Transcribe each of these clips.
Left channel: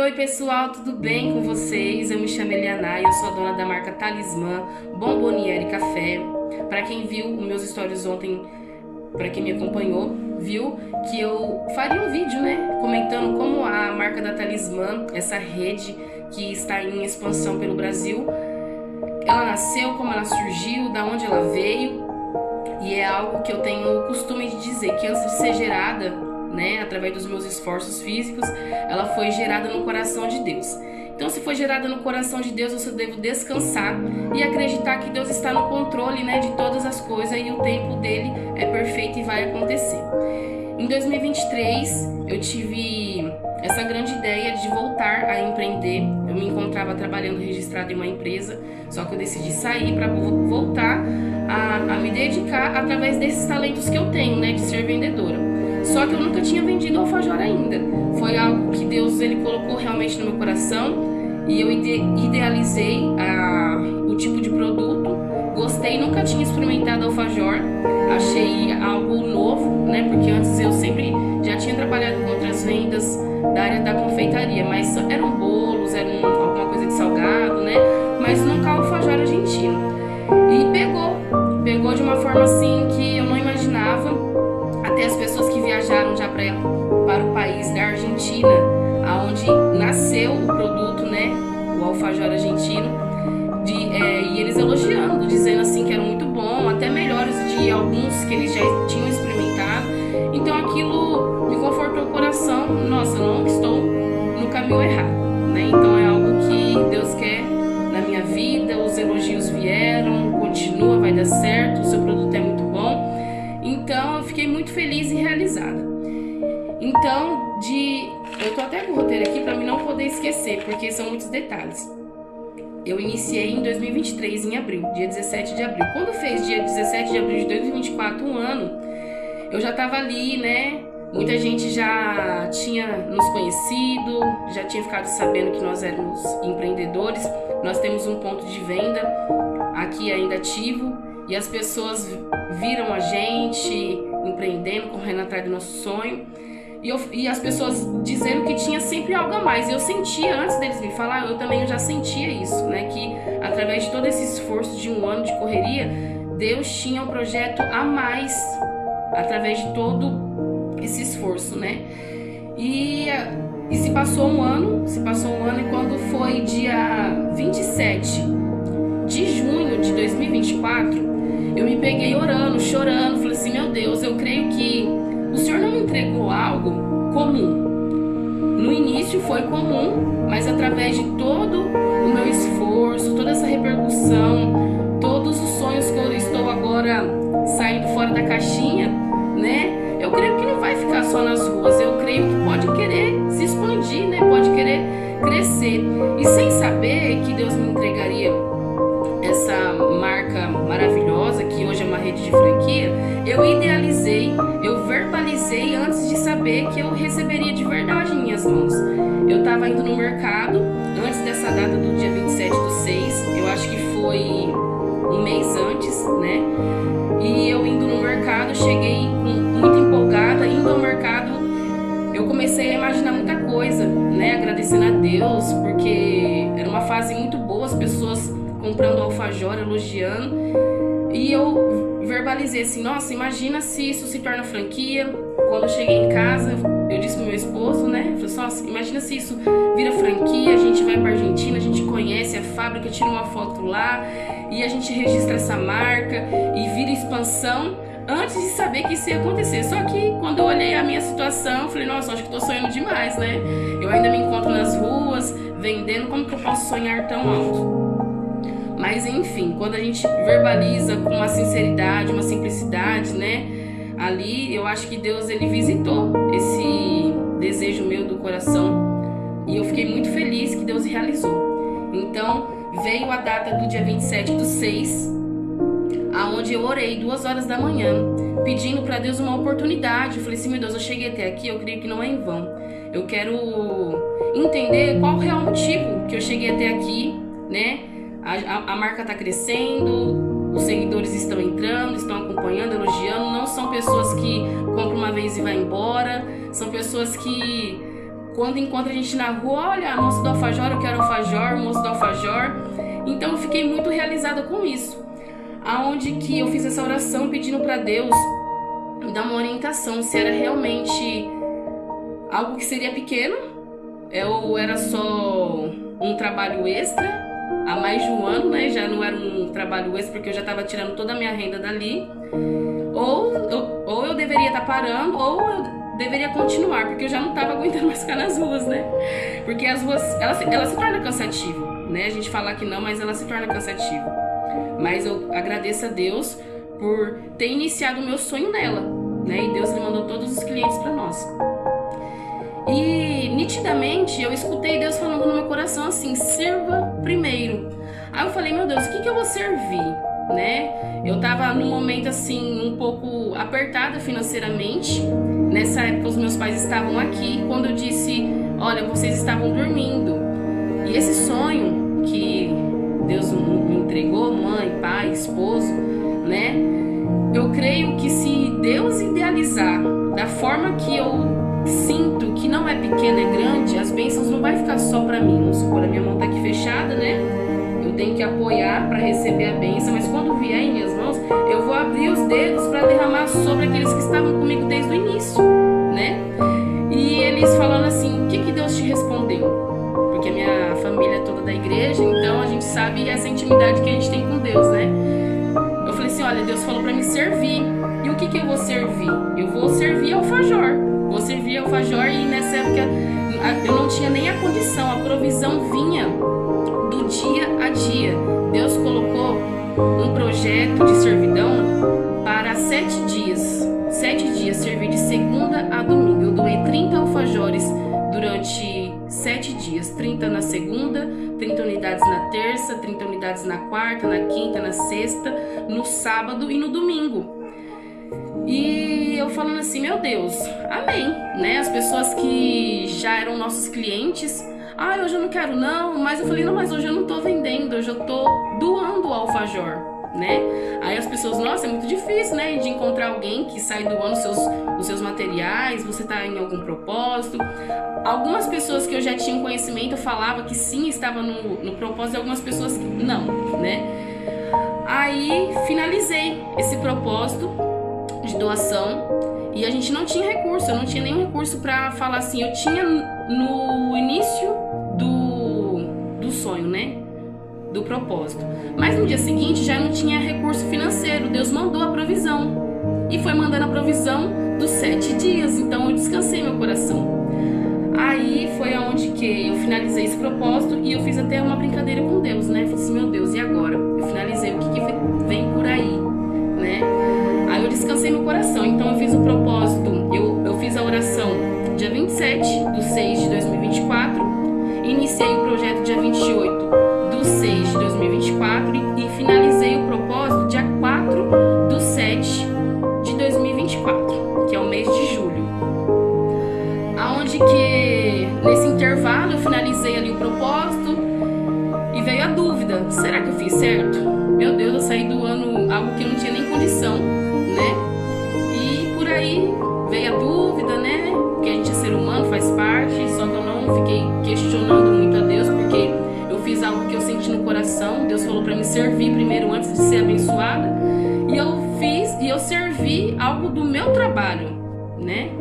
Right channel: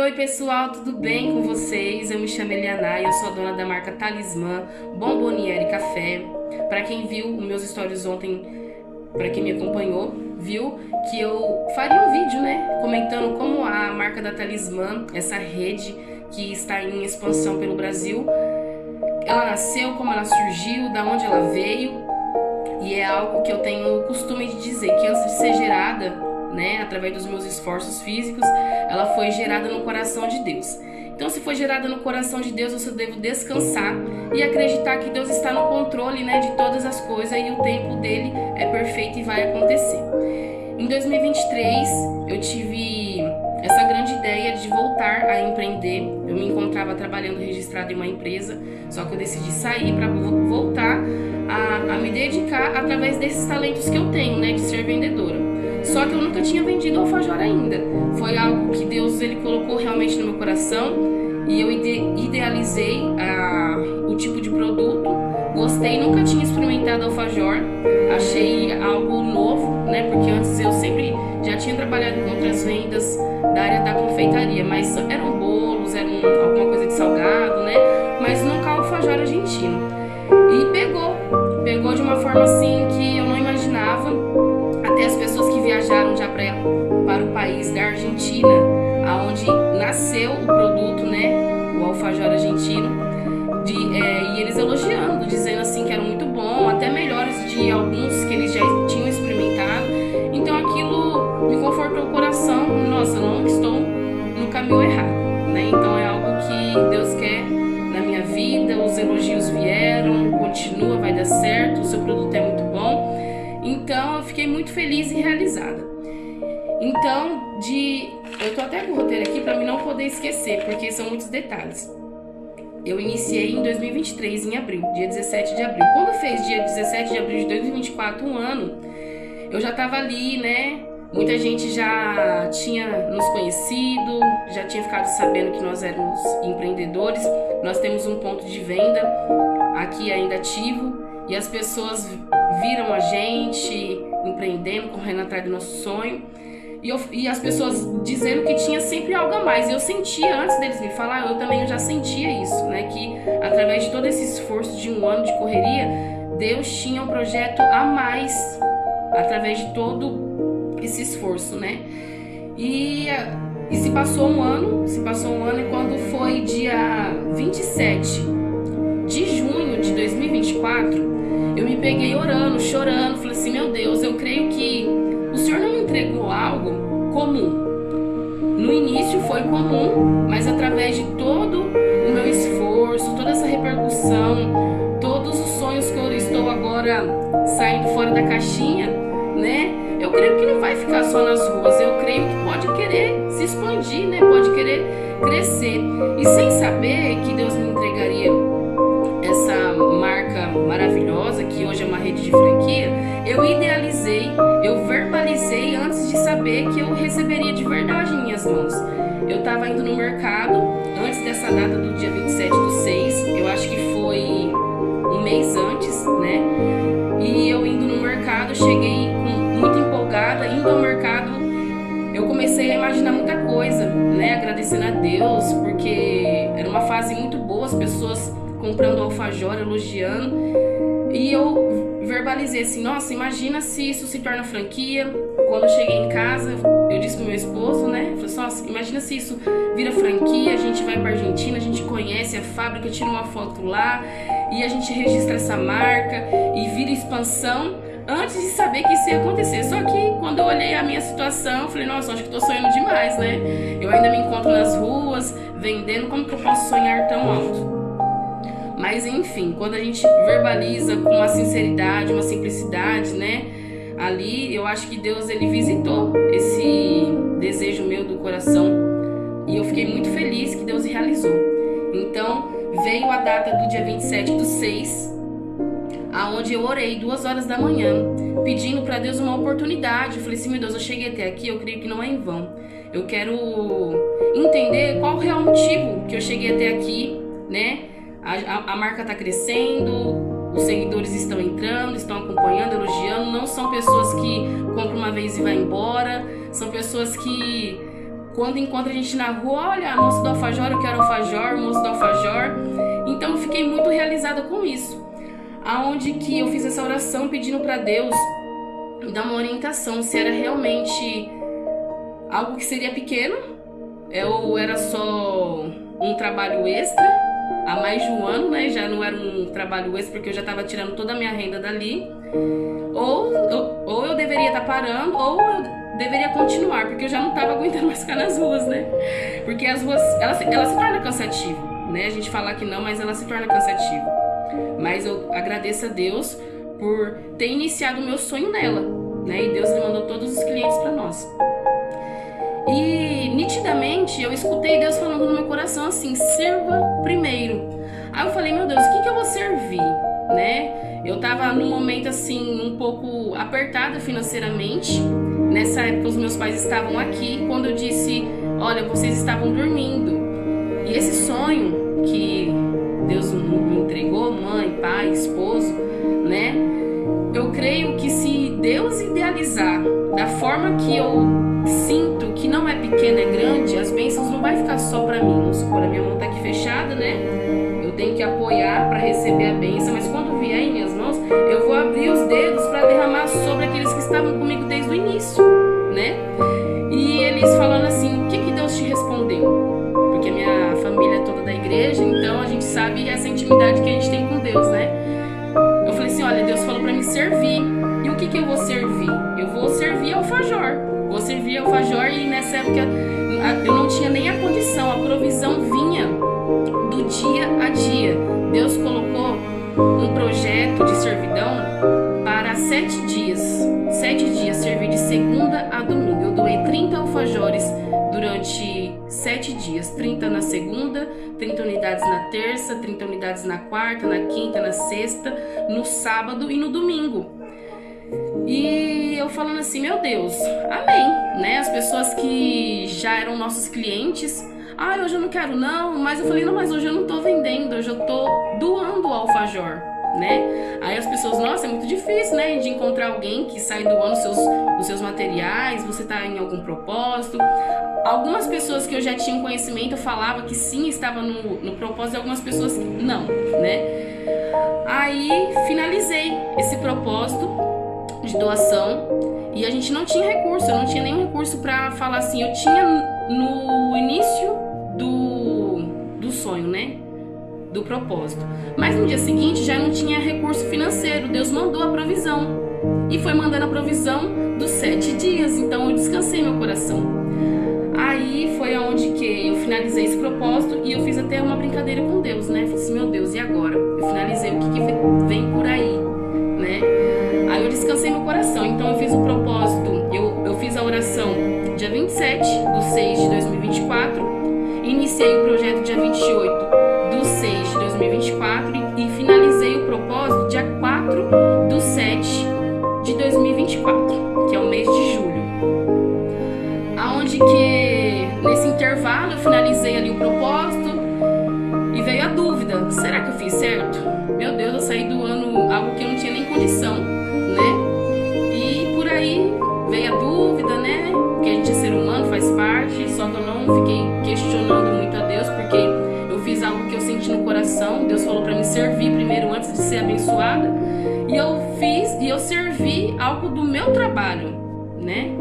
Oi pessoal, tudo bem com vocês? Eu me chamo Eliana e eu sou a dona da marca Talismã Bomboniere Café. Para quem viu os meus stories ontem, para quem me acompanhou, viu que eu faria um vídeo, né, comentando como a marca da Talismã, essa rede que está em expansão pelo Brasil, ela nasceu, como ela surgiu, da onde ela veio. E é algo que eu tenho o costume de dizer, que antes de ser gerada, né, através dos meus esforços físicos, ela foi gerada no coração de Deus. Então, se foi gerada no coração de Deus, eu só devo descansar e acreditar que Deus está no controle, né, de todas as coisas, e o tempo dele é perfeito e vai acontecer. Em 2023, eu tive essa grande ideia de voltar a empreender. Eu me encontrava trabalhando registrado em uma empresa, só que eu decidi sair para voltar a me dedicar através desses talentos que eu tenho, né, de ser vendedora. Só que eu nunca tinha vendido alfajor ainda. Foi algo que Deus ele colocou realmente no meu coração e eu idealizei o tipo de produto. Gostei, nunca tinha experimentado alfajor. Achei algo novo, né? Porque antes eu sempre já tinha trabalhado com outras vendas da área da confeitaria, mas eram bolos, alguma coisa de salgado, né? Mas nunca alfajor argentino. E pegou de uma forma assim que eu não imaginava. Até as pessoas que viajaram já para o país da Argentina, aonde nasceu o produto, né, o alfajor argentino, e eles elogiando, dizendo assim que era muito bom, até melhores de alguns que eles já tinham experimentado. Então aquilo me confortou o coração. Nossa, não estou no caminho errado, né? Então é algo que Deus quer na minha vida. Os elogios vieram, continua, vai dar certo, o seu produto é muito bom. Então eu fiquei muito feliz e realizada. Então, eu tô até com o roteiro aqui para mim não poder esquecer, porque são muitos detalhes. Eu iniciei em 2023, em abril, dia 17 de abril. Quando fez dia 17 de abril de 2024, um ano, eu já tava ali, né? Muita gente já tinha nos conhecido, já tinha ficado sabendo que nós éramos empreendedores. Nós temos um ponto de venda aqui ainda ativo. E as pessoas viram a gente empreendendo, correndo atrás do nosso sonho. E as pessoas dizendo que tinha sempre algo a mais. E eu sentia, antes deles me falar, eu já sentia isso, né? Que através de todo esse esforço de um ano de correria, Deus tinha um projeto a mais através de todo esse esforço, né? E se passou um ano, e quando foi dia 27 de junho de 2024, eu me peguei orando, chorando, falei assim, meu Deus, eu creio que o Senhor não me entregou algo comum. No início foi comum, mas através de todo o meu esforço, toda essa repercussão, todos os sonhos que eu estou agora saindo fora da caixinha, né? Eu creio que não vai ficar só nas ruas, eu creio que pode querer se expandir, né? Pode querer crescer. E sem saber que Deus me entregaria essa marca maravilhosa, que hoje é uma rede de franquia, eu idealizei, eu verbalizei antes de saber que eu receberia de verdade em minhas mãos. Eu estava indo no mercado, antes dessa data do dia 27/6, eu acho que foi um mês antes, né? E eu indo no mercado, cheguei muito empolgada, indo ao mercado, eu comecei a imaginar muita coisa, né? Agradecendo a Deus, porque era uma fase muito boa, as pessoas comprando alfajor, elogiando. E eu verbalizei assim, nossa, imagina se isso se torna franquia. Quando eu cheguei em casa, eu disse pro meu esposo, né? Eu falei assim, nossa, imagina se isso vira franquia, a gente vai pra Argentina, a gente conhece a fábrica, tira uma foto lá e a gente registra essa marca e vira expansão, antes de saber que isso ia acontecer. Só que quando eu olhei a minha situação, eu falei, nossa, acho que tô sonhando demais, né? Eu ainda me encontro nas ruas, vendendo, como que eu posso sonhar tão alto? Mas enfim, quando a gente verbaliza com uma sinceridade, uma simplicidade, né? Ali eu acho que Deus ele visitou esse desejo meu do coração e eu fiquei muito feliz que Deus realizou. Então veio a data do dia 27/6, aonde eu orei 2 horas da manhã, pedindo para Deus uma oportunidade. Eu falei assim, meu Deus, eu cheguei até aqui, eu creio que não é em vão. Eu quero entender qual o real motivo que eu cheguei até aqui, né? A marca está crescendo, os seguidores estão entrando, estão acompanhando, elogiando. Não são pessoas que compram uma vez e vai embora, são pessoas que quando encontra a gente na rua, olha, a moça do alfajor, eu quero alfajor, moço do alfajor. Então eu fiquei muito realizada com isso. Aonde que eu fiz essa oração pedindo para Deus me dar uma orientação, se era realmente algo que seria pequeno, ou era só um trabalho extra, há mais de um ano, né? Já não era um trabalho extra, porque eu já estava tirando toda a minha renda dali. Ou eu deveria estar parando, ou eu deveria continuar, porque eu já não estava aguentando mais ficar nas ruas, né? Porque as ruas, ela se torna cansativo, né? A gente falar que não, mas ela se torna cansativo. Mas eu agradeço a Deus por ter iniciado o meu sonho nela, né? E Deus me mandou todos os clientes para nós. E nitidamente eu escutei Deus falando no meu coração assim: sirva primeiro. Aí eu falei: meu Deus, o que eu vou servir, né? Eu tava num momento assim um pouco apertada financeiramente. Nessa época os meus pais estavam aqui. Quando eu disse: olha, vocês estavam dormindo. E esse sonho que Deus me entregou, mãe, pai, esposo, né? Eu creio que se Deus idealizar da forma que eu sinto, que não é pequena, é grande, as bênçãos não vai ficar só para mim. Vamos supor, a minha mão tá aqui fechada, né? Eu tenho que apoiar para receber a bênção, mas quando vier em minhas mãos, eu vou abrir os dedos para derramar sobre aqueles que estavam comigo desde o início, né? E eles falando assim: o que Deus te respondeu? Porque a minha família é toda da igreja, então a gente sabe essa intimidade que a gente tem com Deus, né? Eu falei assim: olha, Deus falou para me servir. E o que eu vou servir? Eu vou servir alfajor. Vou servir alfajor. E nessa época eu não tinha nem a condição, a provisão vinha do dia a dia. Deus colocou um projeto de servidão para 7 dias. 7 dias, servir de segunda a domingo. Eu doei 30 alfajores durante 7 dias. 30 na segunda, 30 unidades na terça, 30 unidades na quarta, na quinta, na sexta, no sábado e no domingo. E eu falando assim: meu Deus, amém, né? As pessoas que já eram nossos clientes: ah, hoje eu não quero não. Mas eu falei: não, mas hoje eu não tô vendendo, hoje eu tô doando o alfajor, né? Aí as pessoas: nossa, é muito difícil, né, de encontrar alguém que sai doando os seus materiais. Você tá em algum propósito? Algumas pessoas que eu já tinha conhecimento, eu falava que sim, estava no propósito, e algumas pessoas que não, né? Aí finalizei esse propósito de doação e a gente não tinha recurso, eu não tinha nenhum recurso para falar assim. Eu tinha no início do sonho, né, do propósito, mas no dia seguinte já não tinha recurso financeiro. Deus mandou a provisão e foi mandando a provisão dos 7 dias, então eu descansei meu coração. Aí foi aonde que eu finalizei esse propósito e eu fiz até uma brincadeira com Deus, né? Falei assim: meu Deus, e agora? Eu finalizei, o que vem por aí, né? Aí eu descansei meu coração. Então eu fiz o propósito, eu fiz a oração dia 27/6/2024, iniciei o projeto dia 28/6/2024 e finalizei o propósito dia 4/7/2024, que é o mês de julho. Aonde que nesse intervalo eu finalizei ali o propósito e veio a dúvida: será que eu fiz certo? Meu Deus, eu saí doando algo que eu não tinha nem condição, né? E por aí veio a dúvida, né? Porque a gente é ser humano, faz parte. Só que eu não fiquei questionando muito a Deus, porque eu fiz algo que eu senti no coração. Deus falou para me servir primeiro antes de ser abençoada. E eu fiz, e eu servi algo do meu trabalho, né?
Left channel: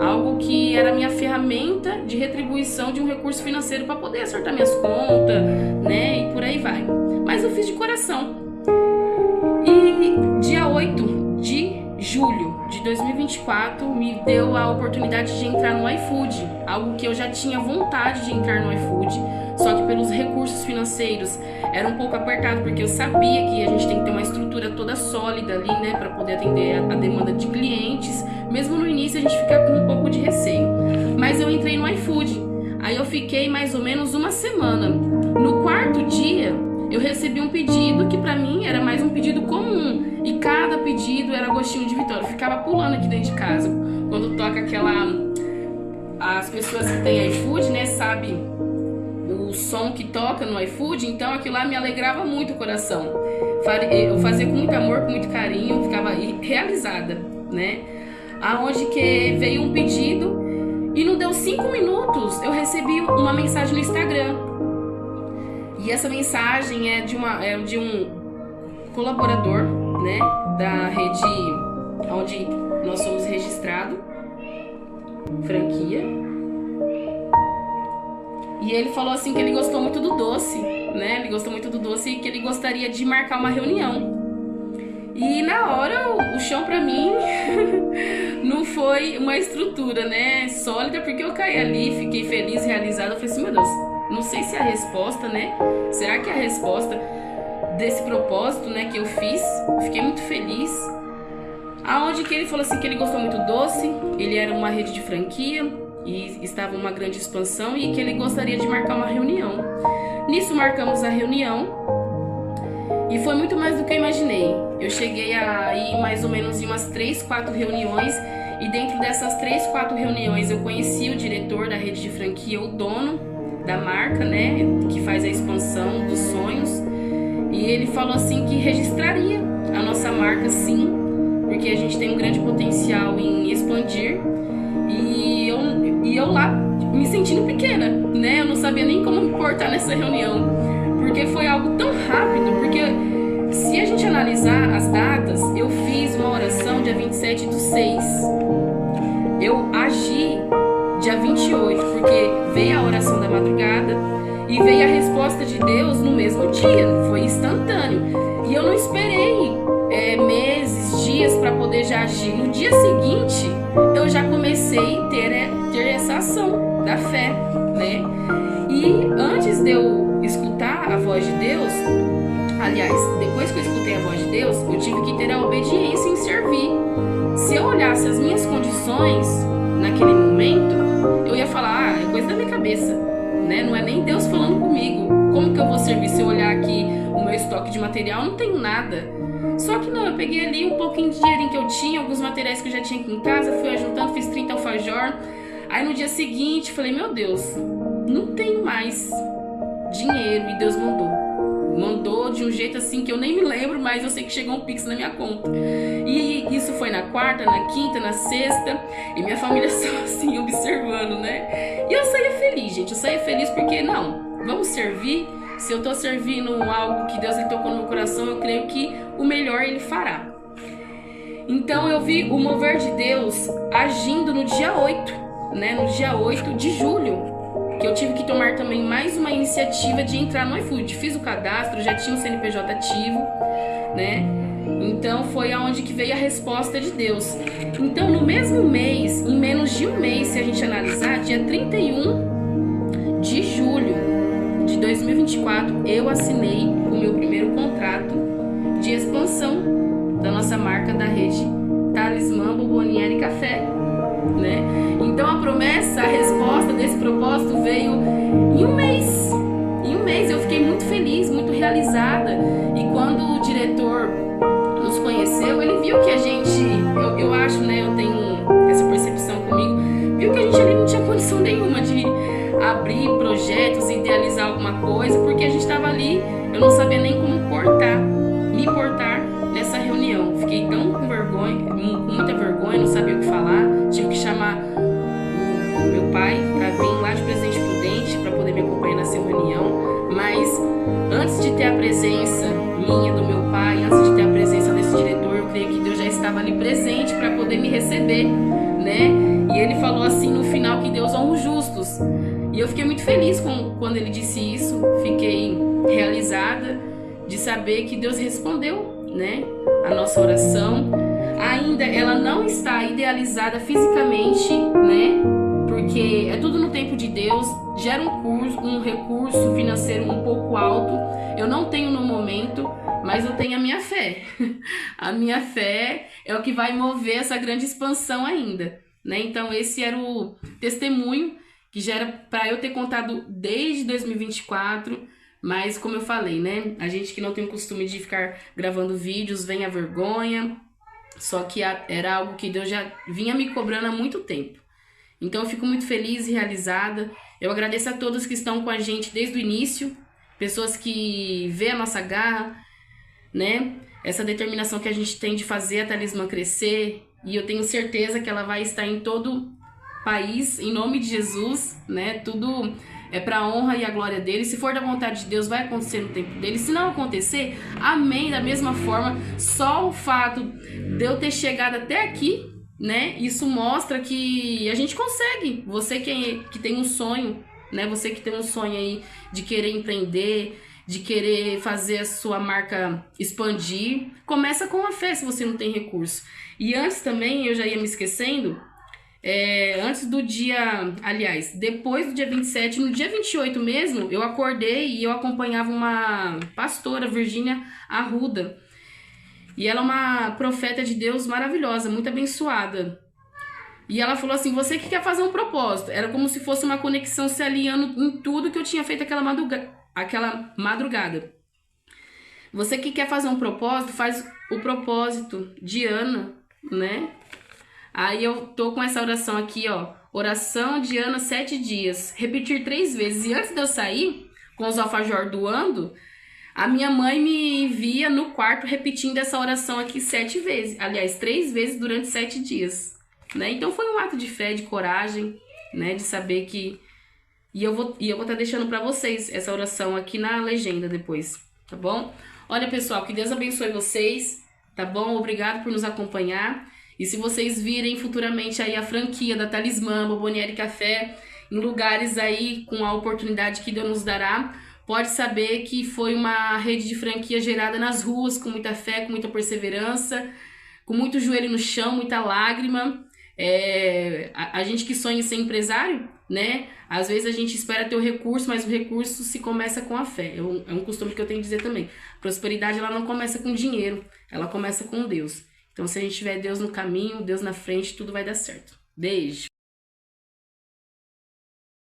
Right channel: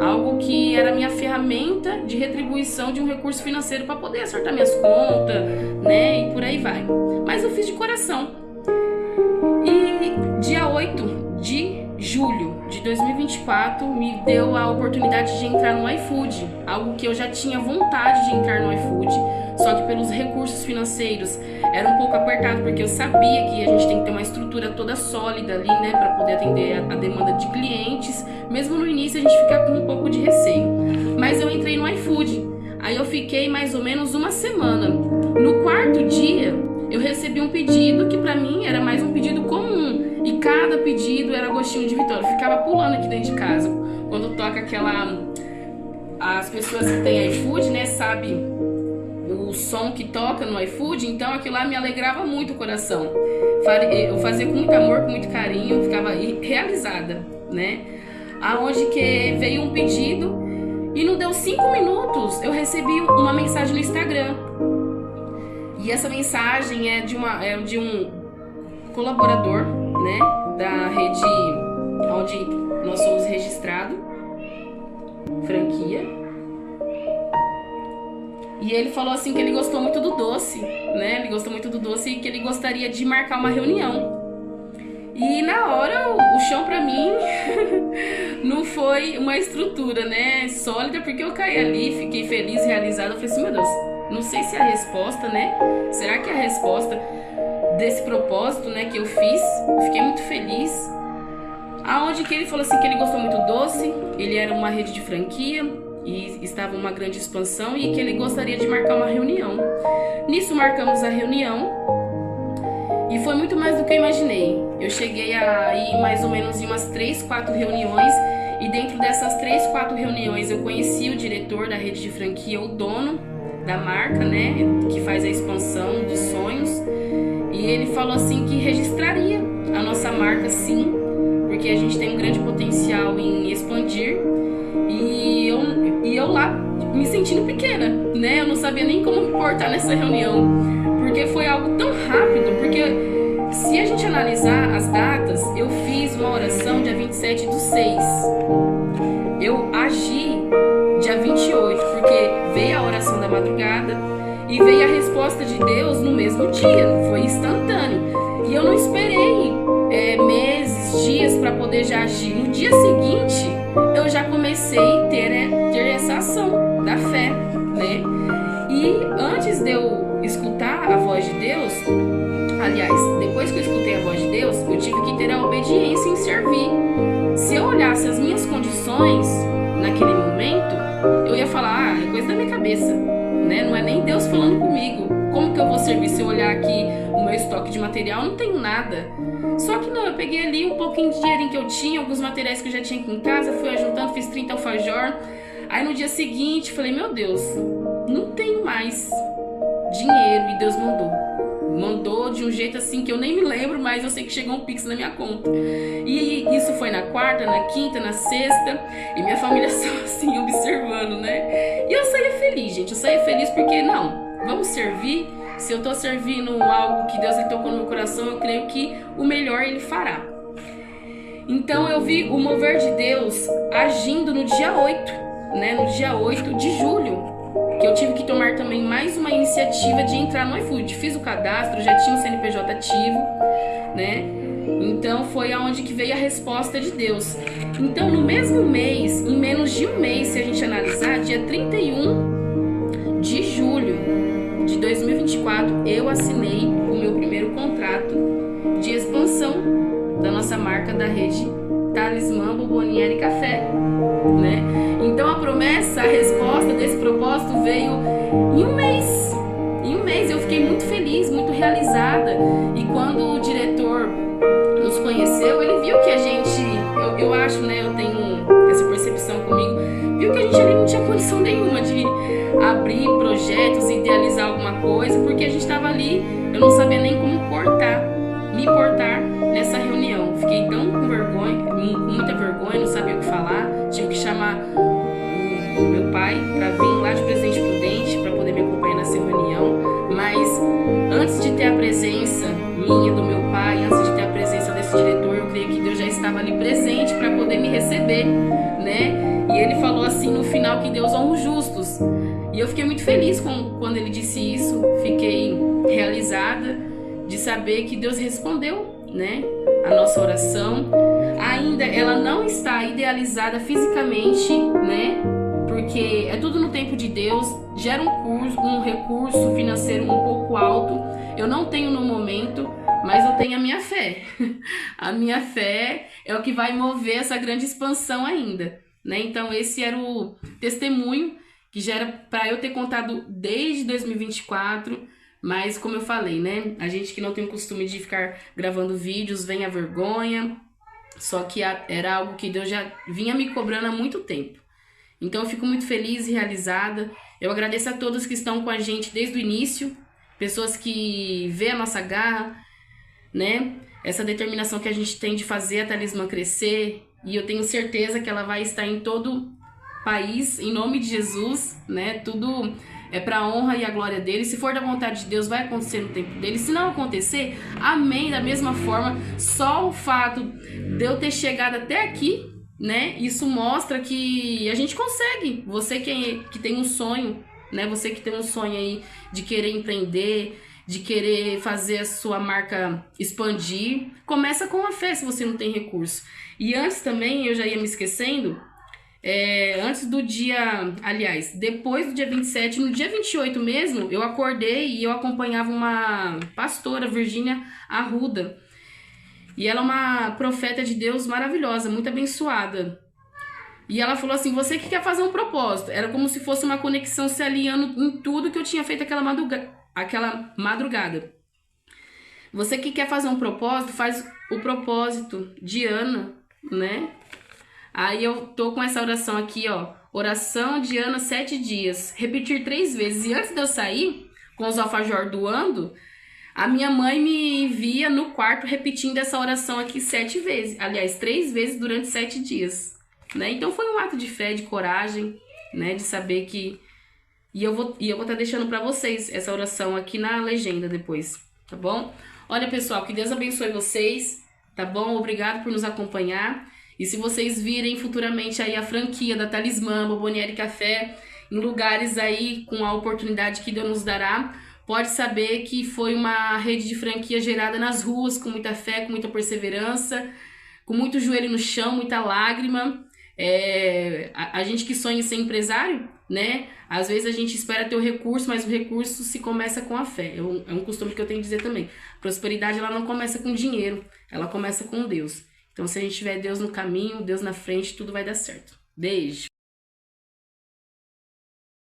Algo que era minha ferramenta de retribuição de um recurso financeiro para poder acertar minhas contas, né? E por aí vai. Mas eu fiz de coração. E dia 8 de julho de 2024 me deu a oportunidade de entrar no iFood. Algo que eu já tinha vontade de entrar no iFood, só que pelos recursos financeiros era um pouco apertado, porque eu sabia que a gente tem que ter uma estrutura toda sólida ali, né, para poder atender a demanda de clientes. Mesmo no início a gente fica com um pouco de receio. Mas eu entrei no iFood. Aí eu fiquei mais ou menos uma semana. No 4º dia eu recebi um pedido que para mim era mais um pedido comum. E cada pedido era gostinho de vitória. Eu ficava pulando aqui dentro de casa. Quando toca aquela... As pessoas que têm iFood, né, sabem o som que toca no iFood. Então aquilo lá me alegrava muito o coração. Eu fazia com muito amor, com muito carinho. Eu ficava realizada, né? Aonde que veio um pedido E não deu 5 minutos, eu recebi uma mensagem no Instagram. E essa mensagem é de um colaborador, né, da rede onde nós somos registrados, franquia. E ele falou assim que ele gostou muito do doce, né? Ele gostou muito do doce e que ele gostaria de marcar uma reunião. E na hora, o chão pra mim não foi uma estrutura, né, sólida, porque eu caí ali, fiquei feliz, realizada. Eu falei assim, meu Deus, não sei se é a resposta, né? Será que é a resposta desse propósito, né, que eu fiz? Fiquei muito feliz. Aonde que ele falou assim que ele gostou muito do doce, ele era uma rede de franquia e estava uma grande expansão e que ele gostaria de marcar uma reunião. Nisso marcamos a reunião e foi muito mais do que eu imaginei. Eu cheguei a ir mais ou menos em umas 3, 4 reuniões e dentro dessas 3, 4 reuniões eu conheci o diretor da rede de franquia, o dono da marca, né, que faz a expansão dos sonhos, e ele falou assim que registraria a nossa marca sim, porque a gente tem um grande potencial em expandir. E eu lá me sentindo pequena, né? Eu não sabia nem como me portar nessa reunião, porque foi algo tão rápido. Porque se a gente analisar as datas, eu fiz uma oração dia 27/6. Eu agi dia 28, porque veio a oração da madrugada e veio a resposta de Deus no mesmo dia. Foi instantâneo. E eu não esperei meses, dias para poder já agir. No dia seguinte, eu já comecei a ter essa ação da fé, né? E antes de eu escutar a voz de Deus, aliás, depois que eu escutei a voz de Deus, eu tive que ter a obediência em servir. Se eu olhasse as minhas condições naquele momento, eu ia falar, é coisa da minha cabeça, né? Não é nem Deus falando comigo. Como que eu vou servir se eu olhar aqui o meu estoque de material? Não tenho nada. Só que não, eu peguei ali um pouquinho de dinheirinho que eu tinha, alguns materiais que eu já tinha aqui em casa, fui ajuntando, fiz 30 alfajor. Aí no dia seguinte, falei, meu Deus, não tenho mais dinheiro. E Deus mandou de um jeito assim que eu nem me lembro, mas eu sei que chegou um Pix na minha conta. E isso foi na quarta, na quinta, na sexta, e minha família só assim observando, né? E eu saía feliz, gente, eu saía feliz porque, não, vamos servir. Se eu tô servindo algo que Deus ele tocou no meu coração, eu creio que o melhor ele fará. Então eu vi o mover de Deus agindo no dia 8, né? No dia 8 de julho, que eu tive que tomar também mais uma iniciativa de entrar no iFood. Fiz o cadastro, já tinha um CNPJ ativo, né? Então foi aonde que veio a resposta de Deus. Então no mesmo mês, em menos de um mês, se a gente analisar, dia 31 de julho de 2024, eu assinei o meu primeiro contrato de expansão da nossa marca da rede Talismã, Bomboniere e Café, né? Então a promessa, a resposta desse propósito veio em um mês. Em um mês eu fiquei muito feliz, muito realizada. E quando o diretor nos conheceu, ele viu que a gente, eu acho, né, eu tenho essa percepção comigo, viu que a gente ali não tinha condição nenhuma de abrir projetos, idealizar alguma coisa, porque a gente estava ali, eu não sabia nem como me portar nessa reunião. Fiquei tão com vergonha, com muita vergonha, não sabia o que falar, tive que chamar o meu pai para vir lá de Presidente Prudente para poder me acompanhar nessa reunião. Mas antes de ter a presença minha, do meu pai, antes de ter a presença desse diretor, eu creio que Deus já estava ali presente para poder me receber, né? E ele falou assim no final que Deus honra os justos. E eu fiquei muito feliz quando ele disse isso, fiquei realizada de saber que Deus respondeu, né, a nossa oração. Ainda ela não está idealizada fisicamente, né, porque é tudo no tempo de Deus, gera um recurso financeiro um pouco alto, eu não tenho no momento, mas eu tenho a minha fé. A minha fé é o que vai mover essa grande expansão ainda, né? Então esse era o testemunho que já era para eu ter contado desde 2024, mas como eu falei, né? A gente que não tem o costume de ficar gravando vídeos, vem a vergonha, só que era algo que Deus já vinha me cobrando há muito tempo. Então eu fico muito feliz e realizada. Eu agradeço a todos que estão com a gente desde o início, pessoas que vê a nossa garra, né? Essa determinação que a gente tem de fazer a Talismã crescer, e eu tenho certeza que ela vai estar em todo país, em nome de Jesus, né? Tudo é para a honra e a glória dele. Se for da vontade de Deus, vai acontecer no tempo dele. Se não acontecer, amém. Da mesma forma, só o fato de eu ter chegado até aqui, né? Isso mostra que a gente consegue. Você que tem um sonho, né? Você que tem um sonho aí de querer empreender, de querer fazer a sua marca expandir, começa com a fé se você não tem recurso. E antes também, eu já ia me esquecendo, antes do dia, aliás, depois do dia 27, no dia 28 mesmo, eu acordei e eu acompanhava uma pastora, Virgínia Arruda. E ela é uma profeta de Deus maravilhosa, muito abençoada. E ela falou assim, você que quer fazer um propósito. Era como se fosse uma conexão se alinhando em tudo que eu tinha feito aquela madrugada. Você que quer fazer um propósito, faz o propósito de Ana, né? Aí eu tô com essa oração aqui, ó. Oração de Ana 7 dias. Repetir 3 vezes. E antes de eu sair, com os alfajor doando, a minha mãe me via no quarto repetindo essa oração aqui 7 vezes. Aliás, 3 vezes durante 7 dias. Né? Então foi um ato de fé, de coragem, né? De saber que... E eu vou estar deixando para vocês essa oração aqui na legenda depois, tá bom? Olha, pessoal, que Deus abençoe vocês, tá bom? Obrigado por nos acompanhar. E se vocês virem futuramente aí a franquia da Talismã, Bomboniere Café, em lugares aí com a oportunidade que Deus nos dará, pode saber que foi uma rede de franquia gerada nas ruas, com muita fé, com muita perseverança, com muito joelho no chão, muita lágrima. A gente que sonha em ser empresário, né? Às vezes a gente espera ter o recurso, mas o recurso se começa com a fé. É um costume que eu tenho que dizer também. Prosperidade, ela não começa com dinheiro, ela começa com Deus. Então, se a gente tiver Deus no caminho, Deus na frente, tudo vai dar certo. Beijo!